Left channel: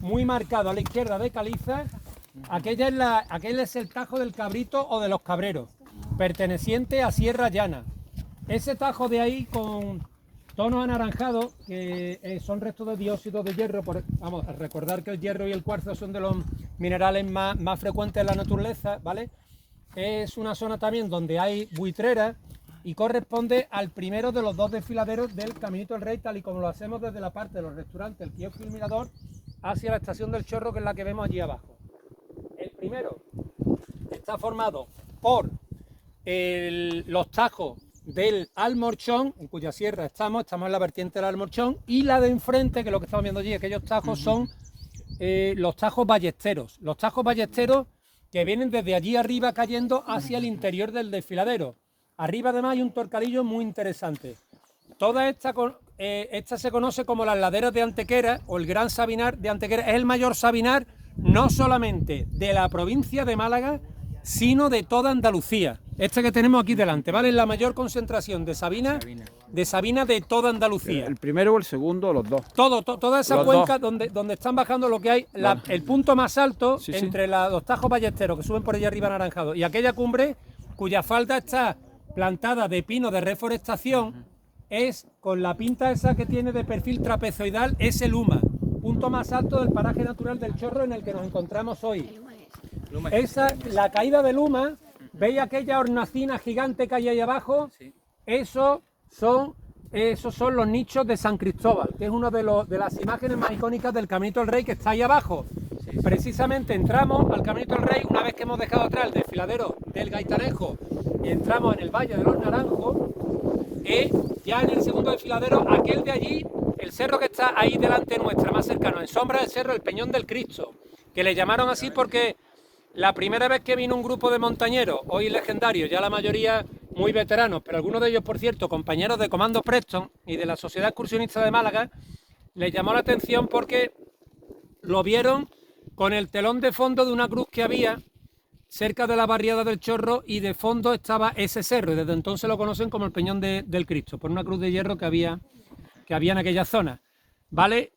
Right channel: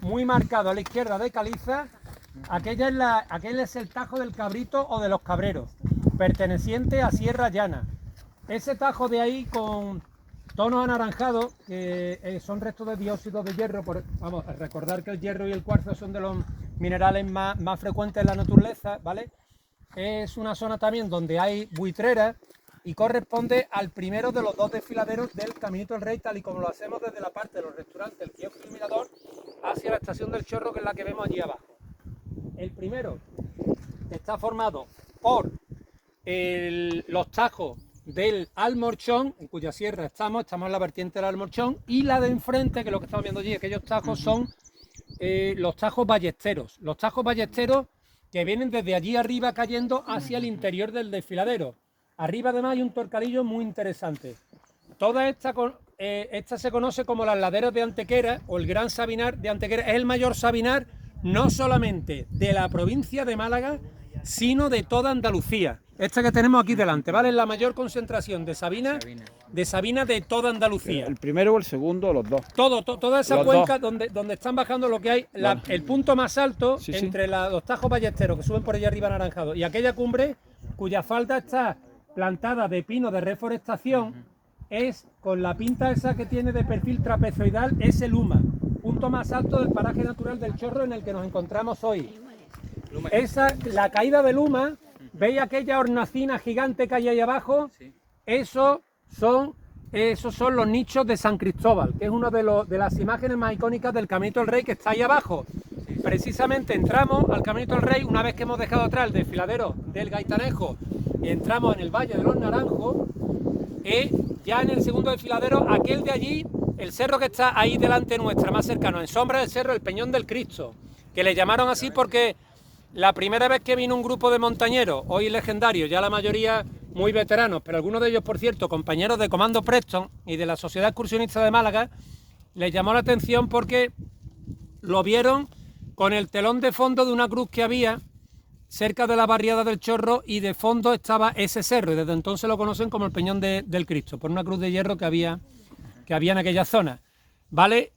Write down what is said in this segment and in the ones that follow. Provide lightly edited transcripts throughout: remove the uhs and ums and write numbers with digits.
muy marcado a la izquierda de caliza. Aquel es el Tajo del Cabrito o de los Cabreros, perteneciente a Sierra Llana. Ese tajo de ahí con tonos anaranjados, que son restos de dióxido de hierro. Vamos a recordar que el hierro y el cuarzo son de los minerales más frecuentes en la naturaleza, ¿vale? Es una zona también donde hay buitreras y corresponde al primero de los dos desfiladeros del Caminito del Rey, tal y como lo hacemos desde la parte de los restaurantes, el kiosco y el mirador, hacia la estación del Chorro, que es la que vemos allí abajo. El primero está formado por los tajos del Almorchón, en cuya sierra estamos en la vertiente del Almorchón, y la de enfrente, que es lo que estamos viendo allí, aquellos tajos son los tajos ballesteros. Los tajos ballesteros que vienen desde allí arriba cayendo hacia el interior del desfiladero. Arriba además hay un torcalillo muy interesante. Toda esta se conoce como las laderas de Antequera o el Gran Sabinar de Antequera. Es el mayor sabinar no solamente de la provincia de Málaga, sino de toda Andalucía. Este que tenemos aquí delante, ¿vale? Es la mayor concentración de sabina de toda Andalucía. ¿El primero o el segundo o los dos? Toda esa cuenca donde están bajando lo que hay, el punto más alto entre los tajos ballesteros que suben por allá arriba anaranjados y aquella cumbre cuya falda está plantada de pino de reforestación, es con la pinta esa que tiene de perfil trapezoidal, es el Uma, punto más alto del paraje natural del Chorro en el que nos encontramos hoy. La caída del Uma, ¿veis aquella hornacina gigante que hay ahí abajo? Esos son los nichos de San Cristóbal, que es una de las imágenes más icónicas del Caminito del Rey, que está ahí abajo. Precisamente entramos al Caminito del Rey una vez que hemos dejado atrás el desfiladero del Gaitanejo y entramos en el Valle de los Naranjos, y ya en el segundo desfiladero, aquel de allí, el cerro que está ahí delante nuestra, más cercano, en sombra del cerro, el Peñón del Cristo, que le llamaron así porque la primera vez que vino un grupo de montañeros, hoy legendarios, ya la mayoría muy veteranos, pero algunos de ellos, por cierto, compañeros de Comando Preston y de la Sociedad Excursionista de Málaga, les llamó la atención porque lo vieron con el telón de fondo de una cruz que había cerca de la barriada del Chorro, y de fondo estaba ese cerro, y desde entonces lo conocen como el Peñón del Cristo, por una cruz de hierro que había en aquella zona. ¿Vale?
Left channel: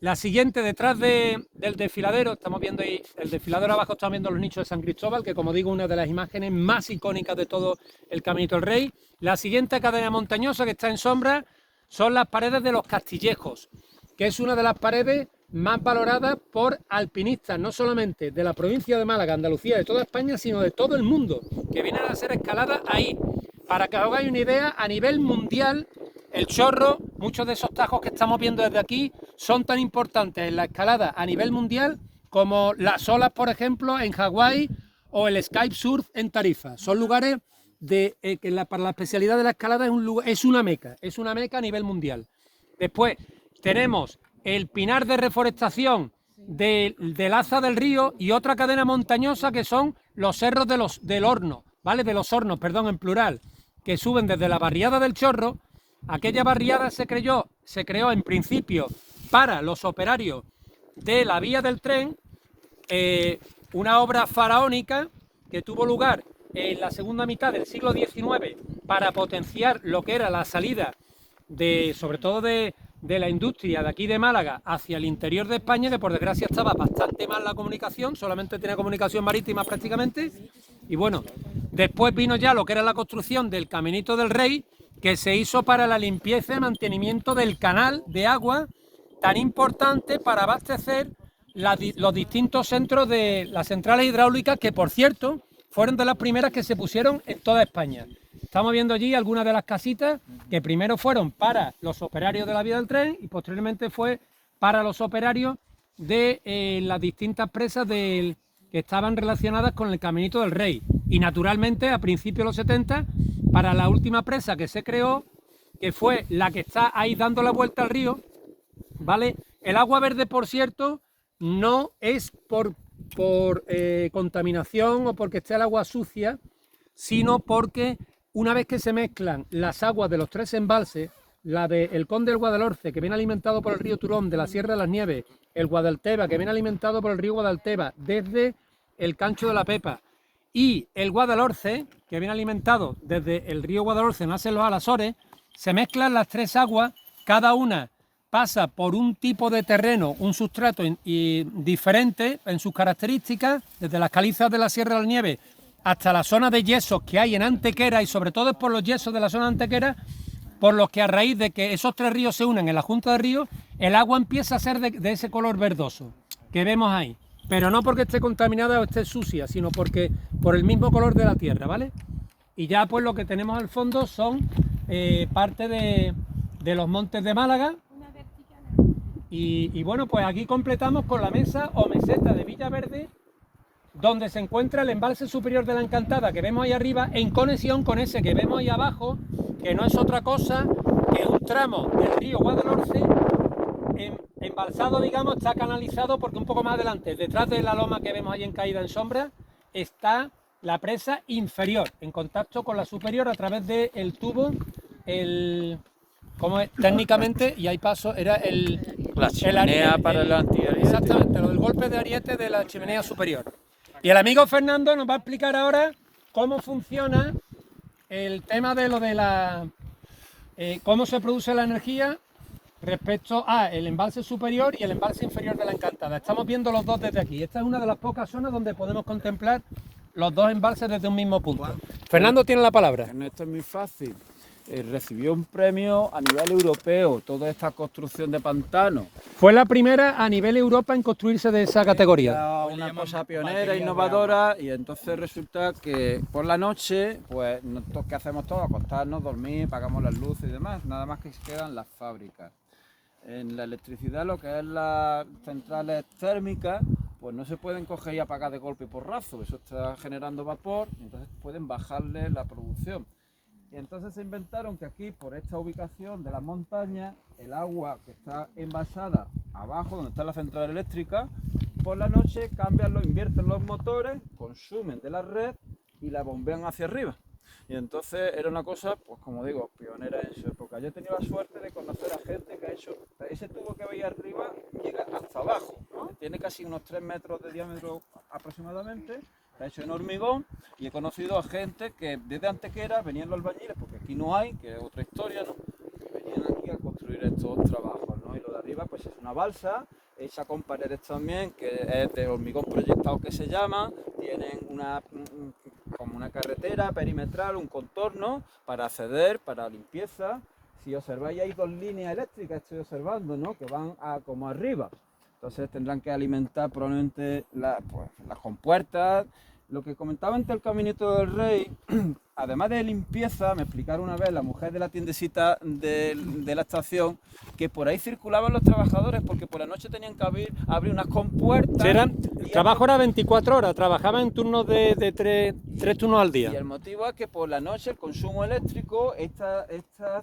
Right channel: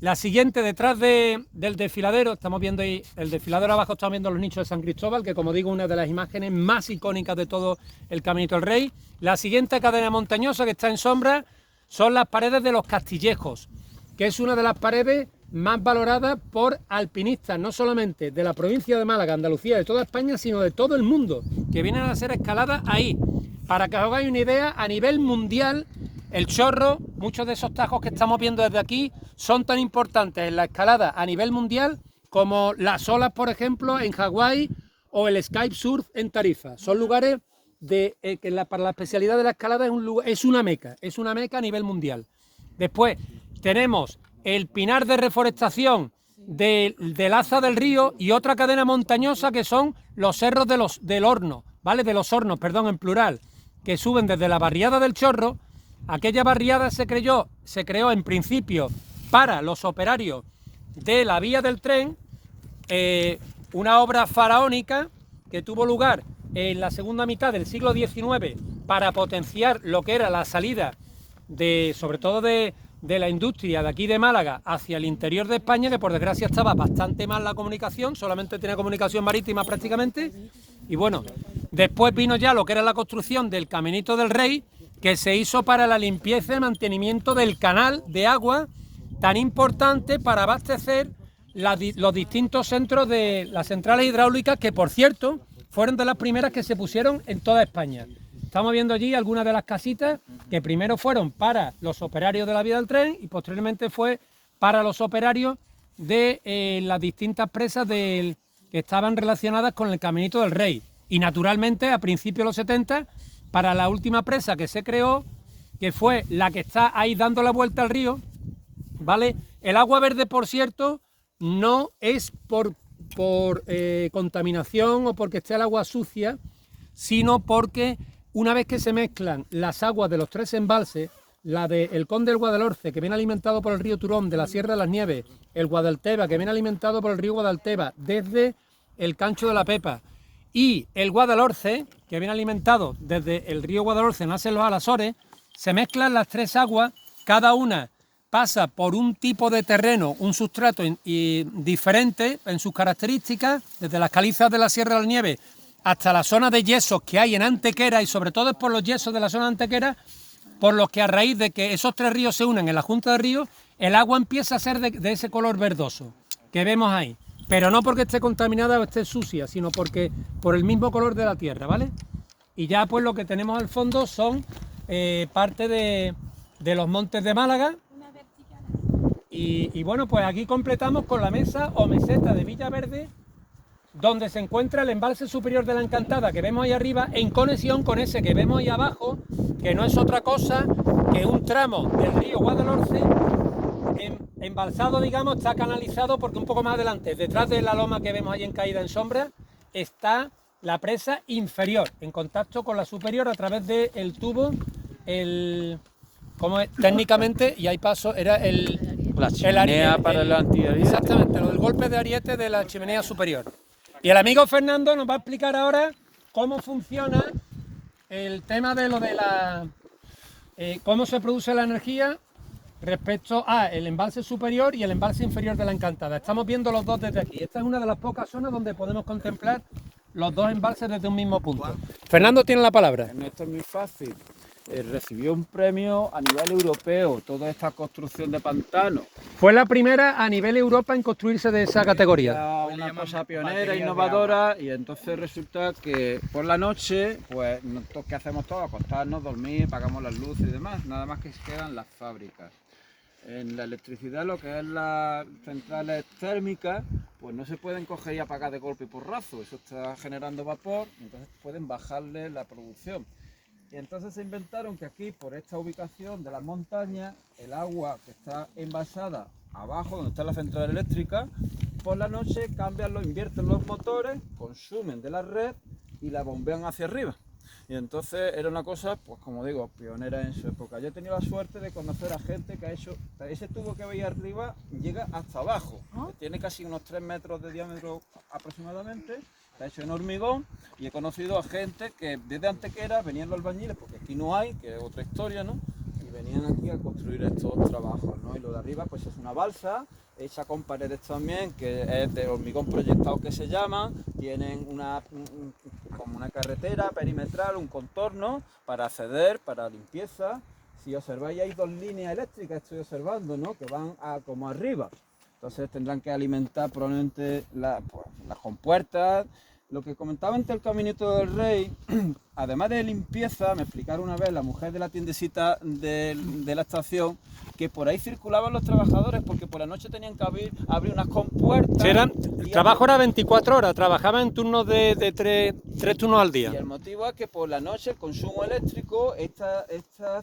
La siguiente, detrás del desfiladero, estamos viendo ahí el desfiladero abajo, estamos viendo los nichos de San Cristóbal, que como digo, una de las imágenes más icónicas de todo el Caminito del Rey. La siguiente cadena montañosa que está en sombra son las paredes de los Castillejos, que es una de las paredes más valoradas por alpinistas, no solamente de la provincia de Málaga, Andalucía, de toda España, sino de todo el mundo, que vienen a hacer escaladas ahí. Para que os hagáis una idea, a nivel mundial, el Chorro, muchos de esos tajos que estamos viendo desde aquí, son tan importantes en la escalada a nivel mundial como las olas, por ejemplo, en Hawái o el Skype Surf en Tarifa. Son lugares que para la especialidad de la escalada es una meca a nivel mundial. Después tenemos el pinar de reforestación del Aza del Río y otra cadena montañosa que son los cerros del Horno, ¿vale? De los Hornos, perdón, en plural, que suben desde la barriada del Chorro. Aquella barriada se creó en principio para los operarios de la vía del tren, una obra faraónica que tuvo lugar en la segunda mitad del siglo XIX para potenciar lo que era la salida sobre todo de la industria de aquí de Málaga hacia el interior de España, que por desgracia estaba bastante mal la comunicación, solamente tenía comunicación marítima prácticamente. Y bueno, después vino ya lo que era la construcción del Caminito del Rey, que se hizo para la limpieza y mantenimiento del canal de agua tan importante para abastecer los distintos centros de las centrales hidráulicas, que por cierto fueron de las primeras que se pusieron en toda España. Estamos viendo allí algunas de las casitas que primero fueron para los operarios de la vía del tren y posteriormente fue para los operarios de las distintas presas que estaban relacionadas con el Caminito del Rey. Y naturalmente a principios de los 70, para la última presa que se creó, que fue la que está ahí dando la vuelta al río, ¿vale? El agua verde, por cierto, no es por contaminación o porque esté el agua sucia, sino porque una vez que se mezclan las aguas de los tres embalses, la del Conde del Guadalhorce, que viene alimentado por el río Turón de la Sierra de las Nieves, el Guadalteba, que viene alimentado por el río Guadalteba desde el Cancho de la Pepa, y el Guadalhorce, que viene alimentado desde el río Guadalhorce, nace los Alasores, se mezclan las tres aguas, cada una pasa por un tipo de terreno, un sustrato diferente en sus características, desde las calizas de la Sierra de la Nieve hasta la zona de yesos que hay en Antequera, y sobre todo es por los yesos de la zona de Antequera, por los que a raíz de que esos tres ríos se unen en la junta de ríos, el agua empieza a ser de ese color verdoso que vemos ahí. Pero no porque esté contaminada o esté sucia, sino porque por el mismo color de la tierra, ¿vale? Y ya pues lo que tenemos al fondo son parte de los montes de Málaga. Y bueno, pues aquí completamos con la mesa o meseta de Villaverde, donde se encuentra el embalse superior de la Encantada que vemos ahí arriba, en conexión con ese que vemos ahí abajo, que no es otra cosa que un tramo del río Guadalhorce, embalsado, digamos, está canalizado, porque un poco más adelante, detrás de la loma que vemos ahí en caída en sombra, está la presa inferior, en contacto con la superior a través del tubo, como técnicamente, y ahí paso, era la chimenea para el antiariete. Exactamente, el golpe de ariete de la chimenea superior. Y el amigo Fernando nos va a explicar ahora cómo funciona el tema de lo de cómo se produce la energía respecto a el embalse superior y el embalse inferior de la Encantada. Estamos viendo los dos desde aquí. Esta es una de las pocas zonas donde podemos contemplar los dos embalses desde un mismo punto. Fernando tiene la palabra. Esto es muy fácil. Recibió un premio a nivel europeo, toda esta construcción de pantanos. Fue la primera a nivel Europa en construirse de esa categoría. Era una cosa pionera, innovadora, y entonces resulta que por la noche, pues, ¿qué hacemos todos? Acostarnos, dormir, pagamos las luces y demás, nada más que quedan las fábricas. En la electricidad, lo que es las centrales térmicas, pues no se pueden coger y apagar de golpe y porrazo, eso está generando vapor, y entonces pueden bajarle la producción. Y entonces se inventaron que aquí, por esta ubicación de las montañas, el agua que está envasada abajo, donde está la central eléctrica, por la noche invierten los motores, consumen de la red y la bombean hacia arriba. Y entonces era una cosa, pues como digo, pionera en su época. Yo he tenido la suerte de conocer a gente que ha hecho, ese tubo que veis arriba llega hasta abajo, tiene casi unos 3 metros de diámetro aproximadamente, está hecho en hormigón, y he conocido a gente que desde Antequera venían los albañiles, porque aquí no hay, que es otra historia, ¿no? Y venían aquí a construir estos trabajos, ¿no? Y lo de arriba pues es una balsa, hecha con paredes también, que es de hormigón proyectado que se llama, tienen como una carretera perimetral, un contorno para acceder, para limpieza. Si observáis hay 2 líneas eléctricas, estoy observando, ¿no? Que van como arriba. Entonces tendrán que alimentar probablemente las compuertas. Lo que comentaba antes el Caminito del Rey, además de limpieza, me explicaron una vez la mujer de la tiendecita de la estación, que por ahí circulaban los trabajadores porque por la noche tenían que abrir unas compuertas. El trabajo era 24 horas, trabajaban en turnos de 3 turnos al día. Y el motivo es que por la noche el consumo eléctrico, esta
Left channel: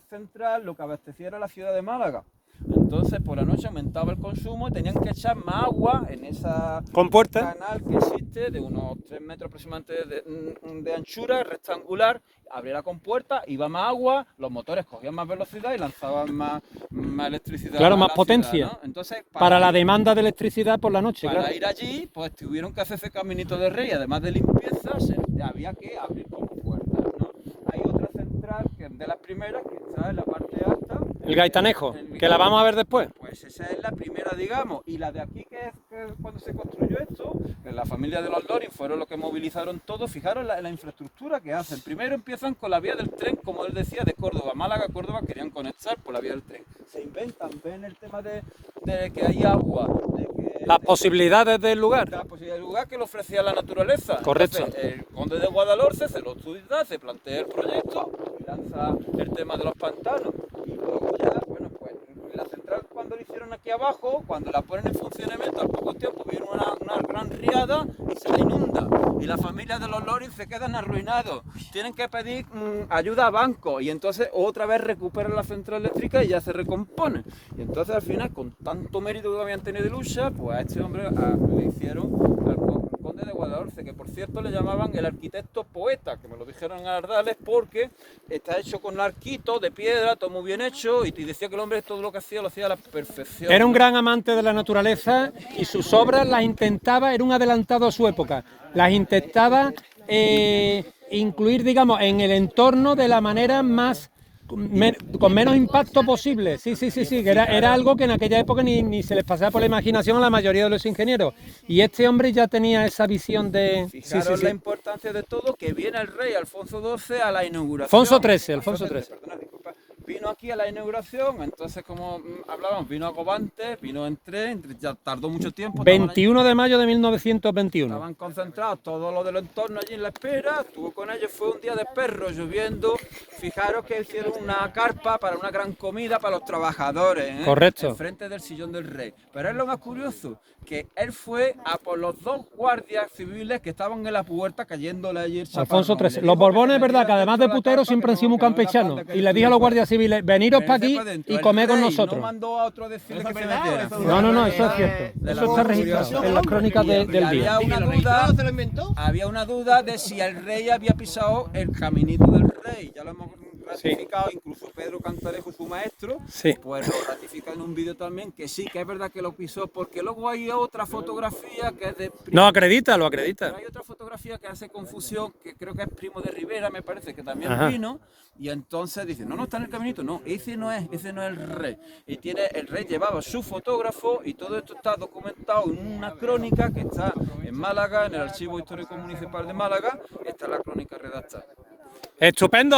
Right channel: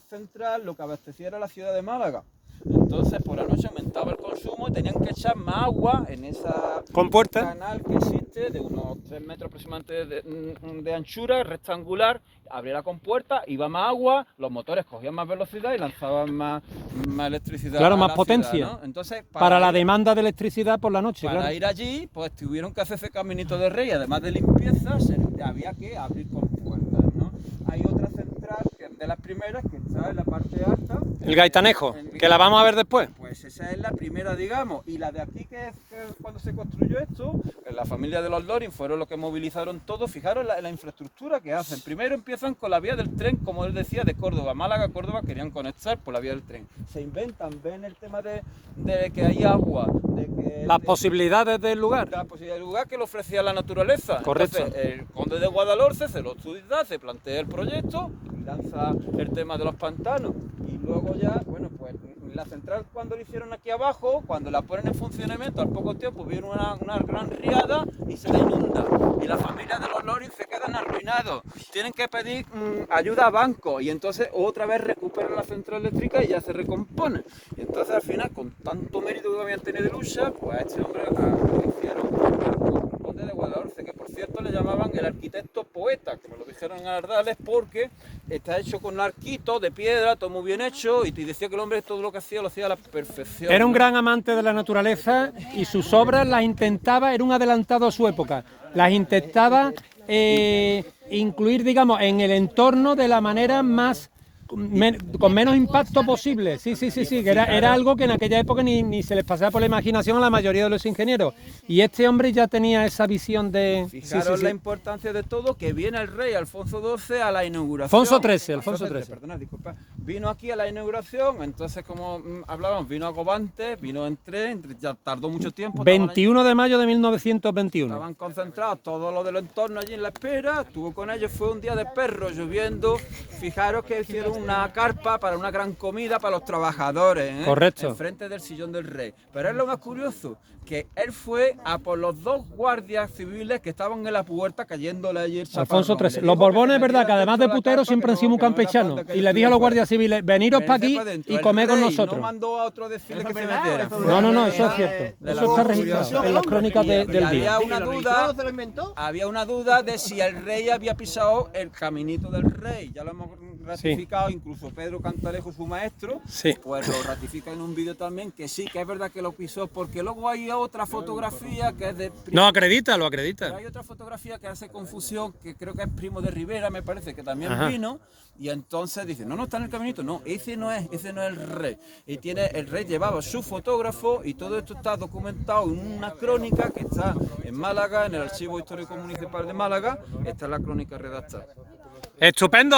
central lo que abastecía era la ciudad de Málaga. Entonces por la noche aumentaba el consumo y tenían que echar más agua en esa compuerta, canal que existe de unos 3 metros aproximadamente de anchura, rectangular. Abría la compuerta, iba más agua, los motores cogían más velocidad y lanzaban más electricidad. Claro, más potencia, ciudad, ¿no? Entonces, para la demanda de electricidad por la noche. Para ir allí, pues tuvieron que hacer ese Caminito del Rey, además de limpieza, había que abrir compuertas, ¿no? Hay otra central que es de las primeras, que está en la parte alta. El Gaitanejo, que la vamos a ver después. Pues esa es la primera, digamos, y la de aquí, que es cuando se construyó esto, que la familia de los Loring fueron los que movilizaron todo. Fijaros la infraestructura que hacen. Primero empiezan con la vía del tren, como él decía, de Córdoba, Málaga, Córdoba, querían conectar por la vía del tren. Se inventan, ven el tema de que hay agua, las posibilidades del lugar. La posibilidad del lugar que le ofrecía la naturaleza. Correcto. Entonces, el conde de Guadalhorce se lo estudia, se plantea el proyecto y lanza el tema de los pantanos. Y luego ya, bueno, pues la central cuando lo hicieron aquí abajo, cuando la ponen en funcionamiento, al poco tiempo viene una gran riada y se la inunda. Y la familia de los Loring se quedan arruinados. Tienen que pedir ayuda a bancos y entonces otra vez recuperan la central eléctrica y ya se recompone. Y entonces al final, con tanto mérito que habían tenido de lucha, pues a este hombre lo hicieron. El conde de Guadalhorce, que por cierto le llamaban el arquitecto poeta, que me lo dijeron en Ardales, porque está hecho con arquitos de piedra, todo muy bien hecho, y te decía que el hombre todo lo que hacía lo hacía a la perfección. Era un gran amante de la naturaleza y sus obras las intentaba, era un adelantado a su época, las intentaba incluir, digamos, en el entorno de la manera más con menos impacto posible. Sí, que era algo que en aquella época ni se les pasaba por la imaginación a la mayoría de los ingenieros. Y este hombre ya tenía esa visión de... Fijaros la importancia de todo, que viene el rey Alfonso XII a la inauguración. Alfonso XIII. Perdona, disculpa. Vino aquí a la inauguración, entonces como hablábamos, vino a Cobante, vino en tren, ya tardó mucho tiempo. 21 de mayo de 1921. Estaban concentrados todos los del entorno allí en la espera, estuvo con ellos, fue un día de perro, lloviendo. Fijaros que hicieron una carpa para una gran comida para los trabajadores, ¿eh? Correcto. Enfrente del sillón del rey. Pero es lo más curioso, que él fue a por los 2 guardias civiles que estaban en la puerta cayéndole ayer. Alfonso XIII. Los Borbones, es verdad, que además de puteros siempre han sido muy campechanos. Y le dije a los guardias civiles, veniros para aquí y comed con nosotros. No mandó a otro decirle que se metiera. No, eso es cierto. Eso está registrado en las crónicas del día. Había una duda de si el rey había pisado el caminito del rey. Ya lo hemos ratificado, incluso Pedro Cantalejo, su maestro, pues lo ratifica en un vídeo también, que sí, que es verdad que lo pisó, porque luego hay otra fotografía que es de... No, lo acredita. Pero hay otra fotografía que hace confusión, que creo que es Primo de Rivera, me parece, que también vino, y entonces dice, no está en el caminito, no, ese no es el rey. Y el rey llevaba su fotógrafo, y todo esto está documentado en una crónica que está en Málaga, en el Archivo Histórico Municipal de Málaga, está la crónica redactada. Estupendo.